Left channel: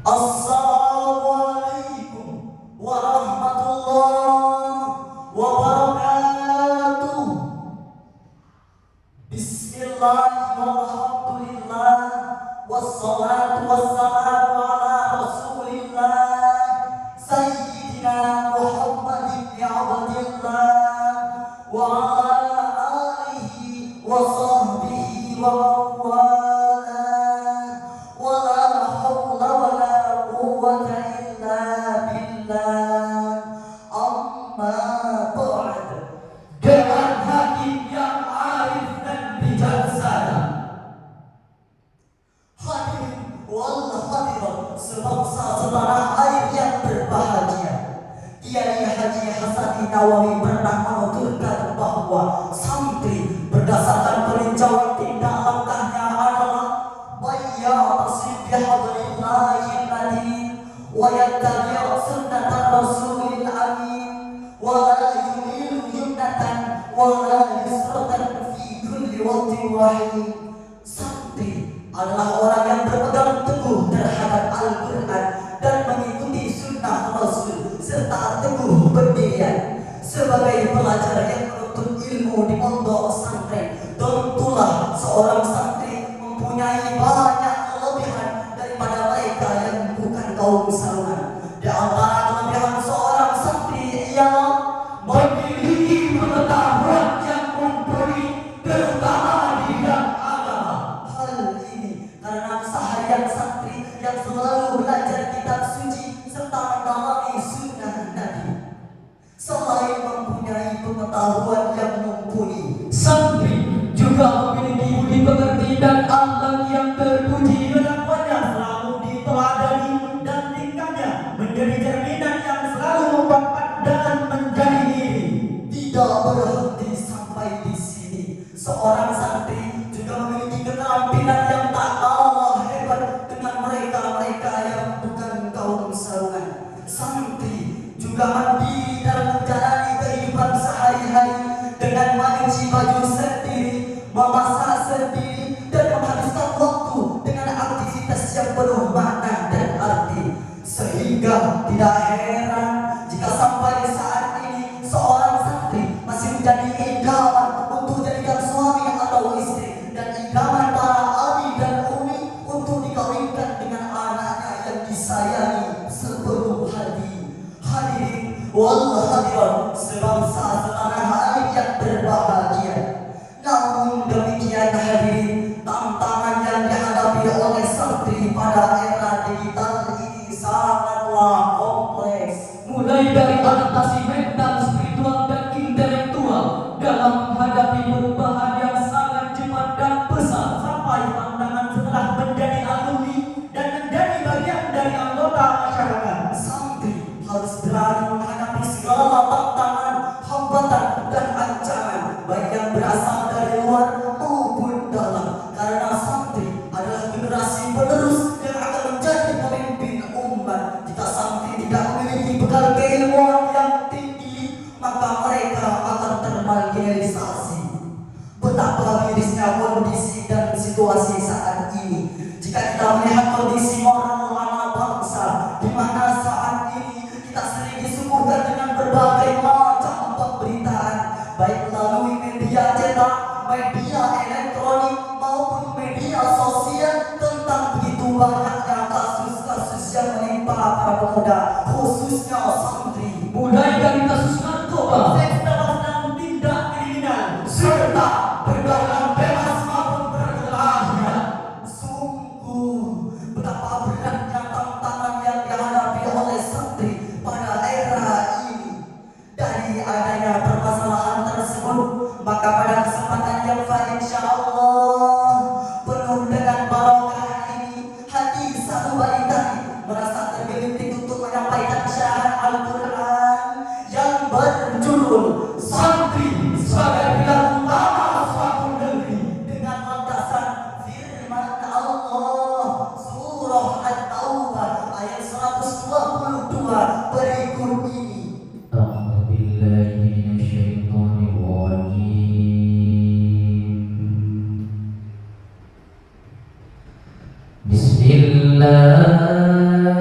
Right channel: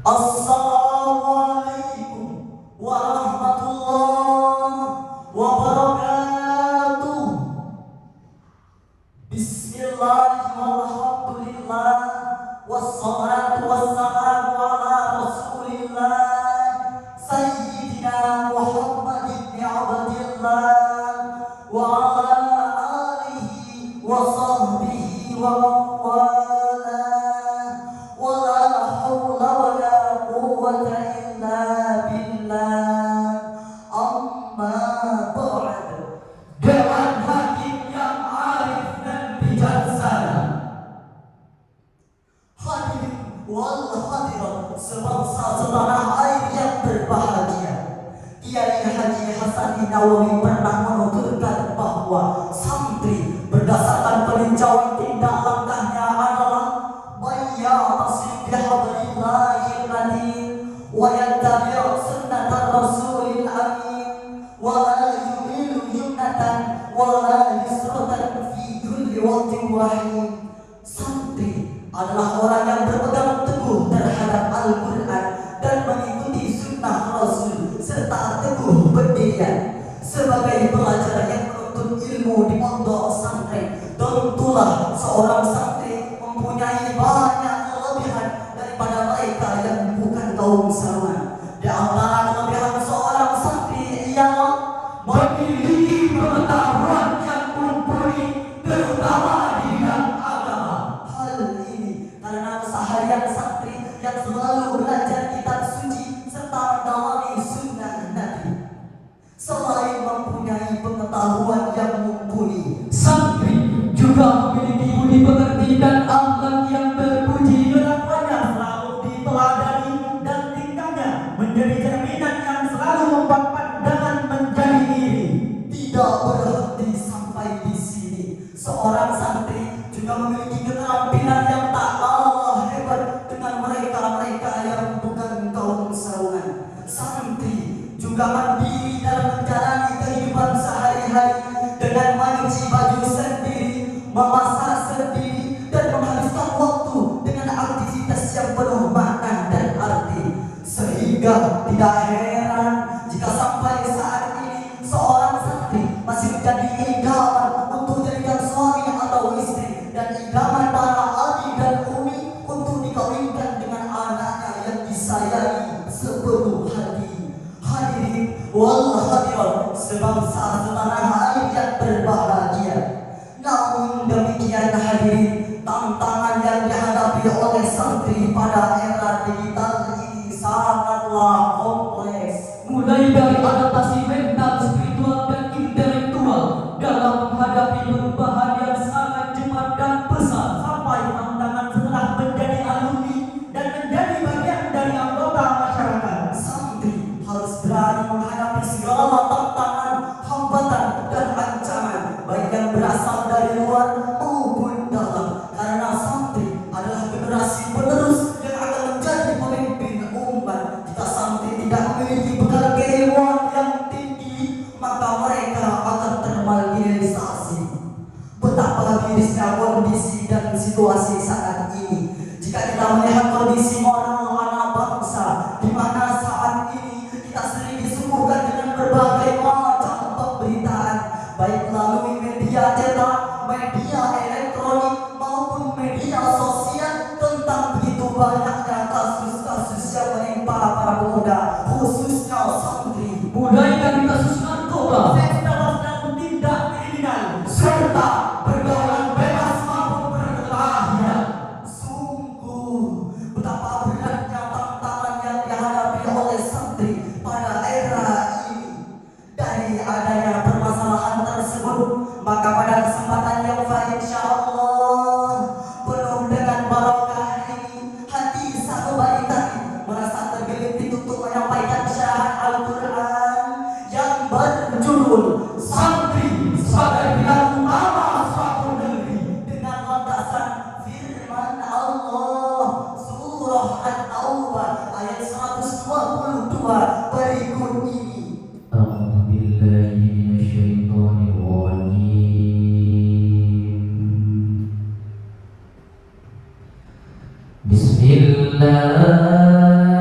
Assalamualaikum warahmatullahi wabarakatuh. Bismillahirrahmanirrahim. Wassalatu wassalamu ala Rasulillah Sayyidina Muhammad ibn Abdillah wa ala alihi wa sahbihi wa man setanah air yang berbahagia. Kiai Haji Hasan Nawawi pernah menuturkan bahwa santri berdasarkan peninjauan tindak langkahnya adalah bayyatasim bihadrillahi alladhi wa yattabi' sunnatan rasulil amin wa la yumilu yumnatan wa la yusratan fi kulli waqtin wahid. Santri adalah orang yang berpegang teguh terhadap Al-Quran dan mengikuti sunnah Rasul serta teguh berdirian sebagai pelajar yang menuntut ilmu di pondok pesantren. Tentulah seorang santri mempunyai banyak kelebihan daripada mereka yang bukan kaum sarungan. Di antara kelebihan seorang santri ialah memiliki pengetahuan yang mumpuni terutama di bidang agama. Hal ini karena keseharian santri yang selalu belajar kitab suci serta mendalami sunnah Nabi. Selain mempunyai pengetahuan yang mumpuni, santri juga memiliki budi pekerti dan akhlak yang terpuji. Kelakuannya selalu diteladani dan tingkahnya menjadi cerminan yang selalu membuat pandangan menjadi iri. Tidak berhenti sampai di sini, seorang santri juga memiliki keterampilan yang tak kalah hebat dengan mereka-mereka yang bukan kaum sarungan. Santri juga mandiri dalam menjalani kehidupan sehari-hari dengan mencuci baju sendiri, memasak sendiri, dan menghabiskan waktu dengan aktivitas yang penuh makna dan arti. Sehingga tidak heran jika sampai saat ini seorang santri masih menjadi idaman untuk jadikan suami atau istri, dan idaman para adik dan umi untuk dikawinkan dengan anaknya yang disayangi sepenuh hati. Hadirin wal hadirat sebangsa setanah air yang berbahagia. Namun demikian hadirin, tantangan yang dihadapi oleh santri pada era digital ini sangatlah kompleks. Mulai dari adaptasi mental, spiritual, dan intelektual dalam menghadapi perubahan yang sangat cepat dan besar, sampai tantangan setelah menjadi alumni dan menjadi bagian dari anggota masyarakat. Santri harus berani menghadapi segala tantangan, hambatan, dan ancaman, baik yang berasal dari luar maupun dalam, karena santri adalah generasi penerus yang akan menjadi pemimpin umat. Jika santri tidak memiliki bekal keilmuan yang tinggi, maka mereka akan termarginalisasi. Betapa mirisnya kondisi dan situasi saat ini jika kita melihat kondisi orang bangsa, di mana saat ini kita sering disuguhkan dengan berbagai macam pemberitaan, baik melalui media cetak, media elektronik, maupun media sosial, tentang begitu banyaknya kasus-kasus yang menimpa para pemuda, khususnya santri. Mulai dari kasus narkoba, seks dan tindak kriminal, serta pergaulan bebas maupun perkelahian. Sungguh betapa beratnya tantangan yang dihadapi oleh santri pada era ini. Dari adanya permasalahan tersebut, maka pada kesempatan yang baik insyaallah penuh dengan barokah ini, hati satu bayi tadi merasa tergelitik untuk menyampaikan syarahan Al-Quran yang berjudul Santri sebagai pilar utama suatu negeri, dengan landasan firman Allah surah At-Taubah ayat 122 berikut ini. أعوذ بالله من الشيطان الرجيم. بسم الله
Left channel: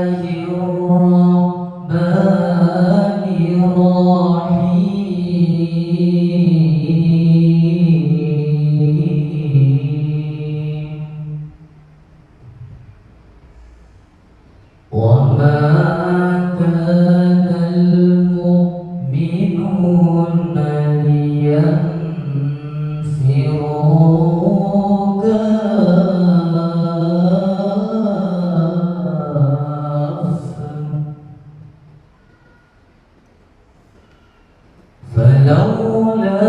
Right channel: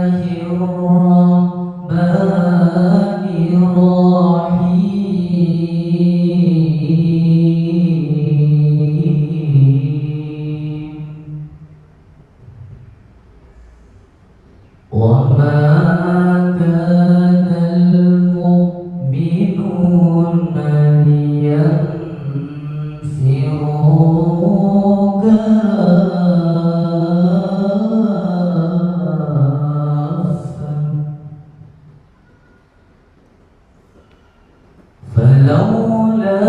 كان المؤمنون لينفروا كافة فلولا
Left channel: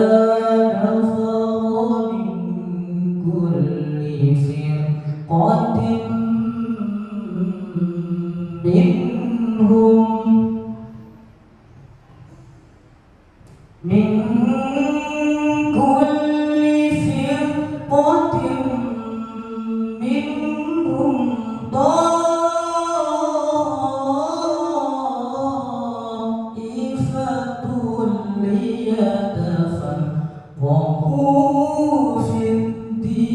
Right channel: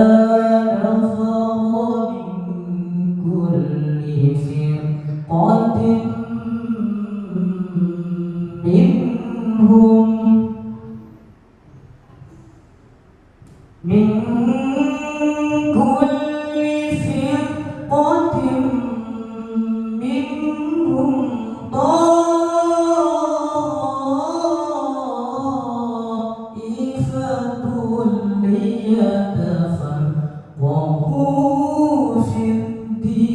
نفر من كل فرقة منهم من كل فرقة منهم طائفة ليتفقهوا في الدين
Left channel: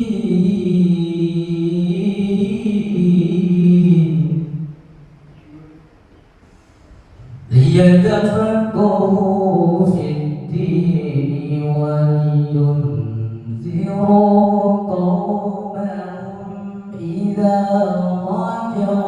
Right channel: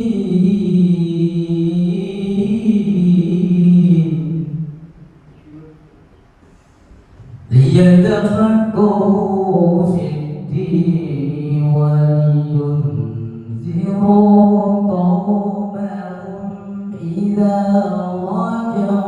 ليتفقهوا في الدين ولينذروا قومهم إذا رجعوا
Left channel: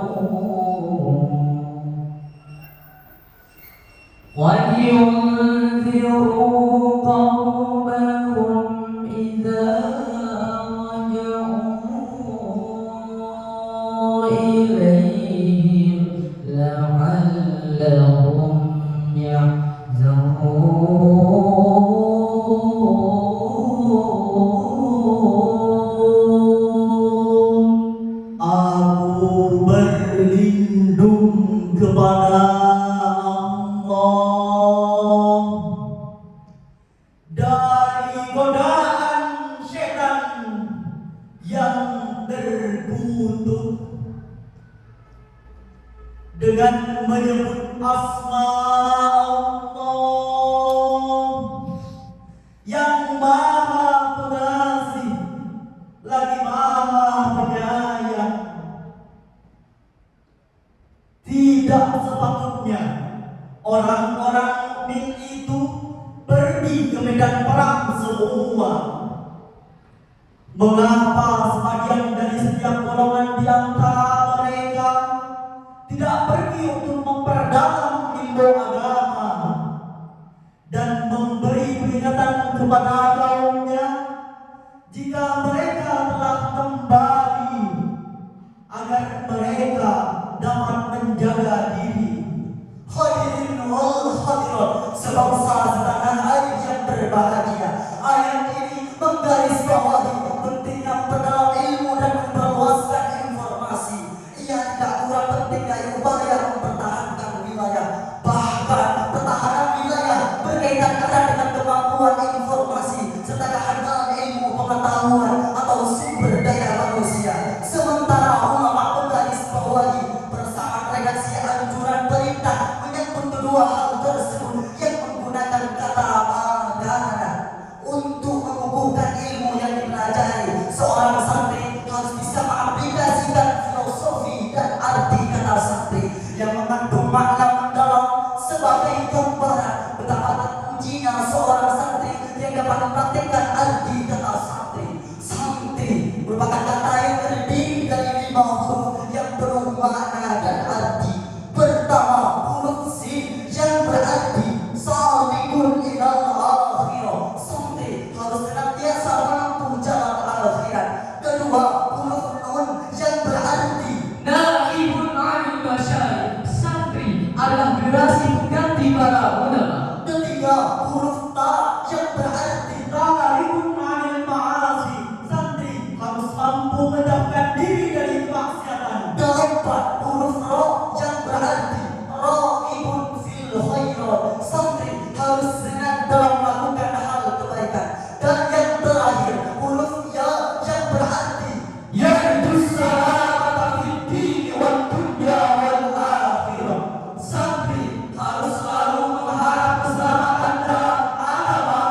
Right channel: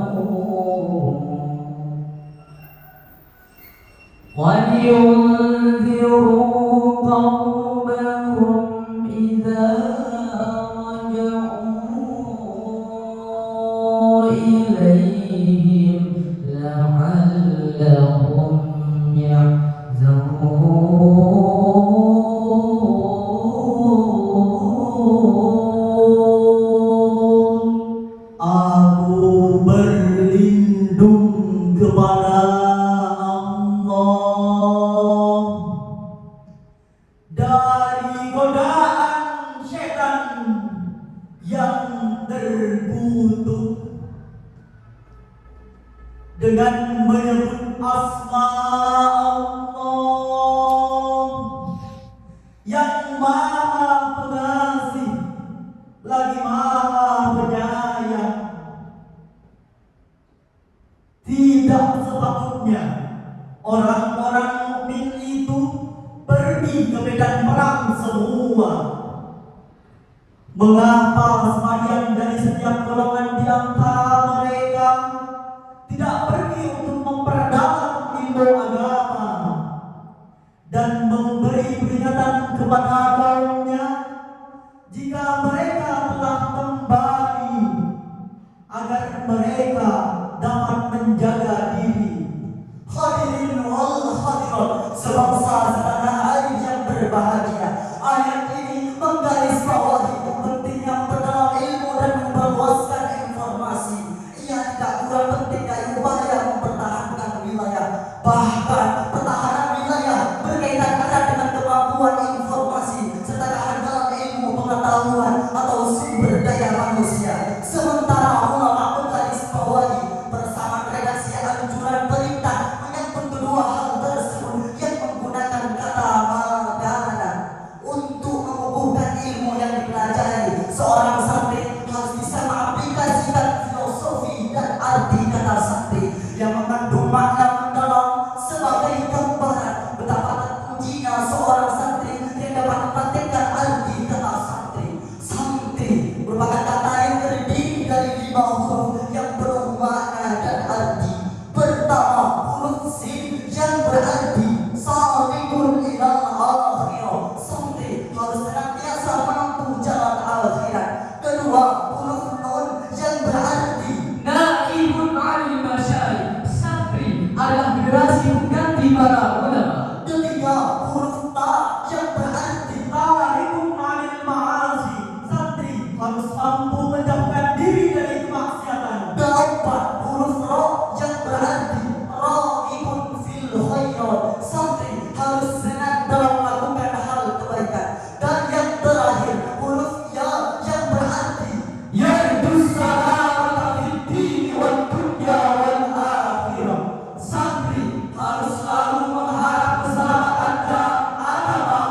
إليهم لعلهم يحذرون. Aku berlindung kepada Allah dari godaan setan yang terkutuk dengan menyebut asma Allah yang maha pengasih lagi maha penyayang. Tidak sepatutnya orang-orang mukmin itu pergi ke medan perang semua. Mengapa sebagian dari setiap golongan di antara mereka tidak pergi untuk memperdalam ilmu agama dan memberi peringatan kepada kaumnya jika mereka telah kembali agar mereka dapat menjaga diri. Hadirin wal hadirat sebangsa setanah air yang berbahagia, ayat ini menggarisbawahi pentingnya memperdalam ilmu dan memperluaskan informasi. Ia tidak kurang penting dari upaya mempertahankan wilayah. Bahkan pertahanan wilayah berkaitan erat dengan kemampuan informasi serta kehandalan ilmu pengetahuan atau sumber daya manusia. Sementara ulama menggarisbawahi persamaan redaksi anjuran perintah menyangkut kedua hal tersebut yang menggunakan kata madana untuk mengukuhkan ilmu yang dipelajari. Seorang santri harus bisa mengaplikasikan filosofi dan arti kata santri yang mengandung makna mendalam sebagai gambaran betapa terpujinya seorang santri yang dapat mempraktikkan arti kata santri. Santri merupakan kata yang terdiri dari 5 huruf yang bermakna dan arti. Pertama, huruf sin yang berarti salikun ilal akhirah. Santri harus senantiasa menempuh jalan akhirat. Kedua, huruf nun yang berarti Naibun anil masyayikh. Santri adalah generasi pengganti para ulama. Ketiga, huruf ta yang berarti tarikun anil ma'asi. Santri harus mampu menjauhkan diri dari kemaksiatan. Keempat, huruf ro yang berarti raibun fil khairat. Santri harus senang dalam melakukan hal kebaikan. Dan yang terakhir, huruf ya yang berarti yardus salamata fid dini wad dunya wal akhirah. Santri harus selalu mengharap keselamatan dalam agama,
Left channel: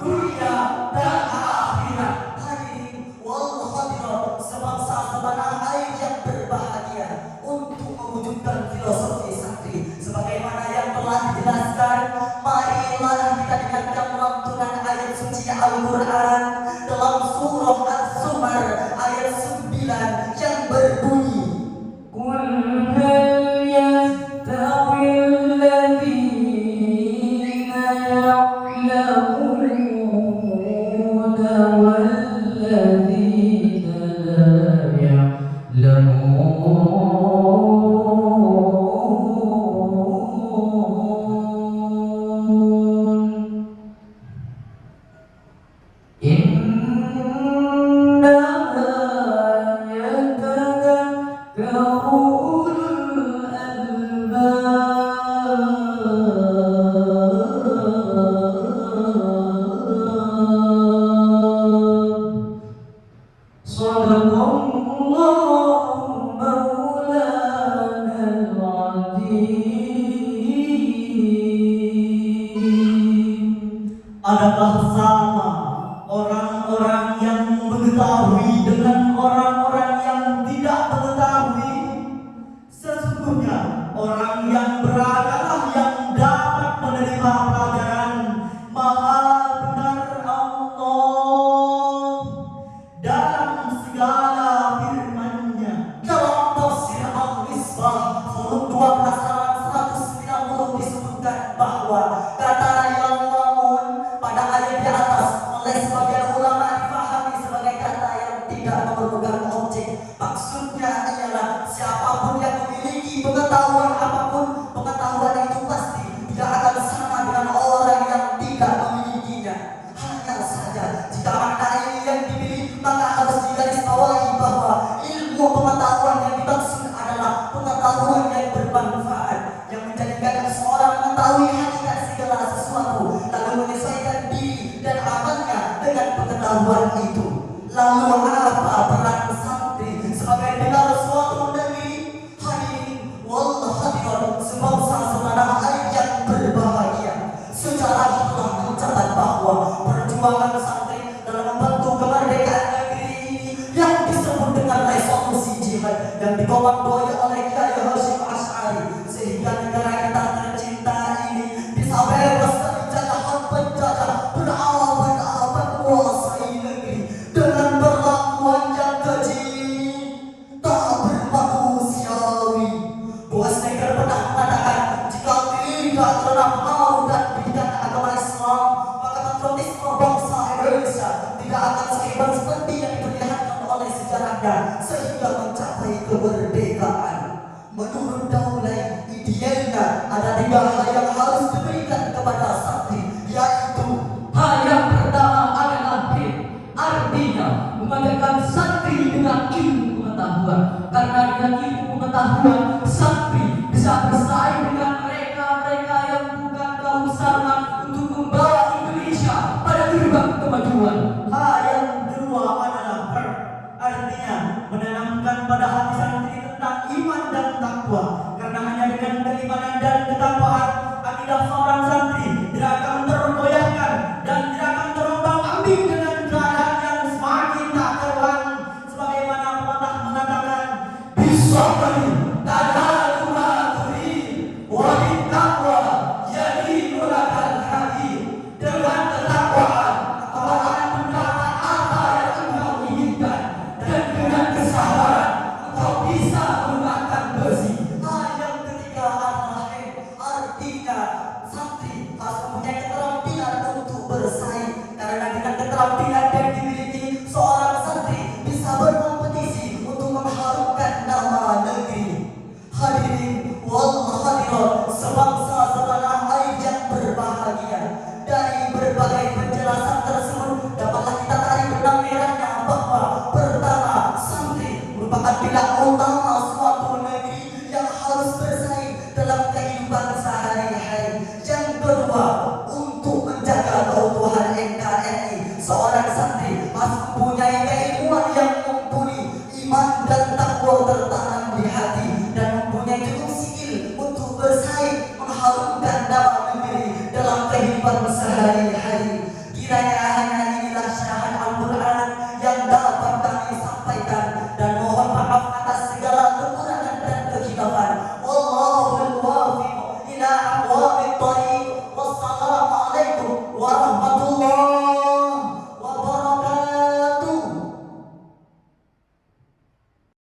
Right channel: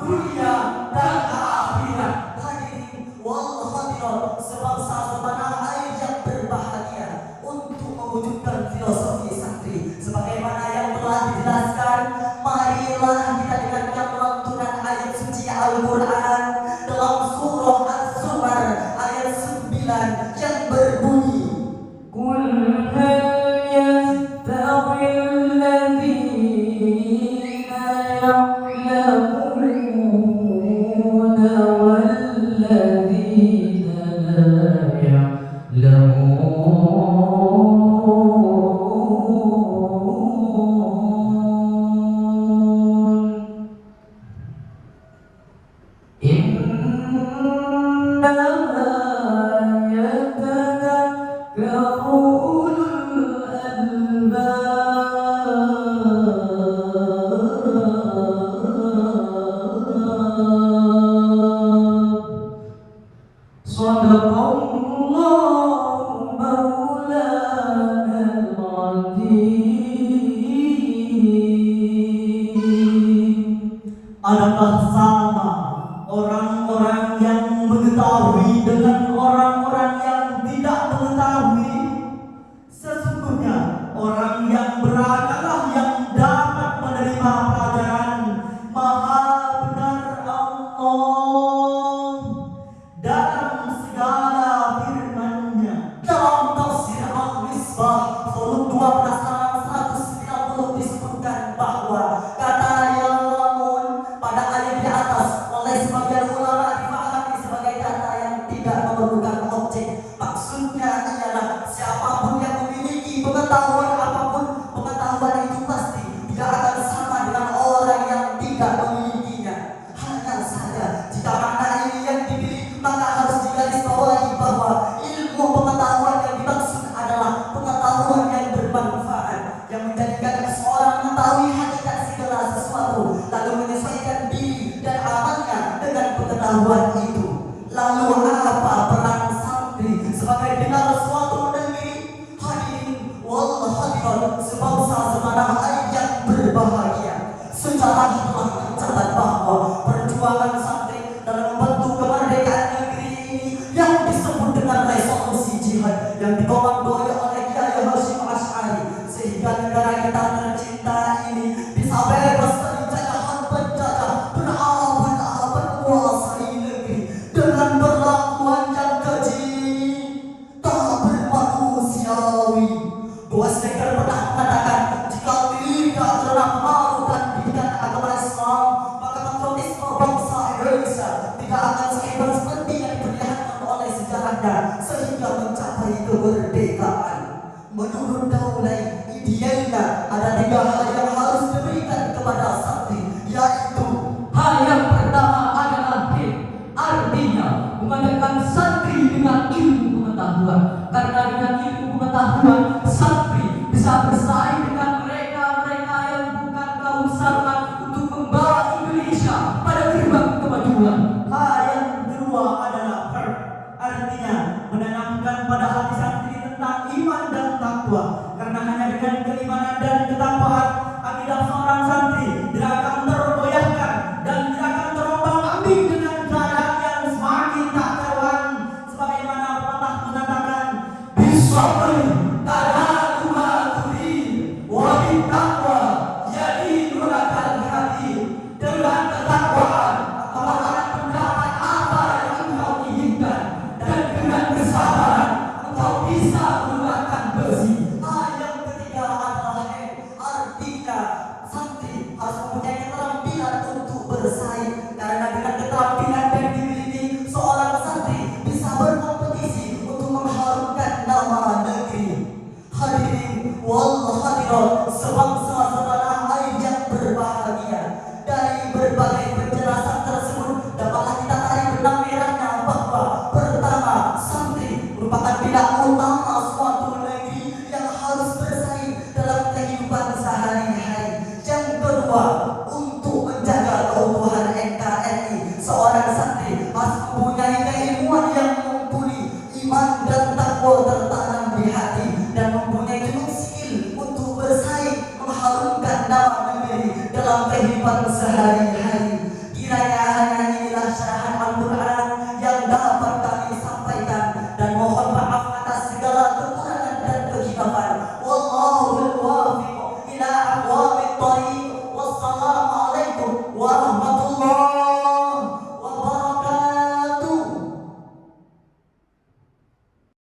dunia dan akhirat. Hadirin wal hadirat sebangsa setanah air yang berbahagia, untuk mewujudkan filosofi santri sebagaimana yang telah dijelaskan, marilah kita dengarkan melantunkan ayat suci Al-Quran dalam surah Az-Zumar ayat 9 yang berbunyi, Qul hal yastawi Adakah sama orang-orang yang mengetahui dengan orang-orang yang tidak mengetahui? Sesungguhnya orang yang berakalah yang dapat menerima pelajaran. Maha benar Allah dalam segala firman-Nya. Dalam tafsir Al-Misbah volume 12 halaman 190 disebutkan bahwa kata yang lamun pada ayat di atas oleh sebagian ulama dipahami sebagai kata yang tidak memerlukan objek. Maksudnya ialah siapapun yang memiliki pengetahuan apapun, pengetahuan itu pasti tidak akan sama dengan orang yang tidak memilikinya. Hanya saja jika makna ini yang dimiliki, maka harus digarisbawahi bahwa ilmu pengetahuan yang dimaksud adalah pengetahuan yang bermanfaat, yang menjadikan seorang mengetahui hakikat segala sesuatu, lalu menyesuaikan diri dan amalnya dengan pengetahuan itu. Lalu apa peran santri sebagai benar suatu negeri? Hadirin wal hadirat sebangsa setanah air yang berbahagia, sejarah telah mencatat bahwa perjuangan santri dalam membantu kemerdekaan negeri ini yang disebut dengan resolusi jihad yang dikomandoi oleh Kiai Hasyim Asy'ari, sehingga negara kita tercinta ini bisa bebas dari jajahan penjajah berabad-abad menguasai negeri dengan perlakuan yang keji tak bermanusiawi. Bos Neger pernah mengatakan, jika tidak pernah mau dan didikan agama Islam, maka patriotisme bangsa Indonesia tidak akan seimbang seperti yang diperlihatkan oleh sejarahnya sehingga mencapai kemerdekaan. Menurut Daulay, idealnya ada 3 hal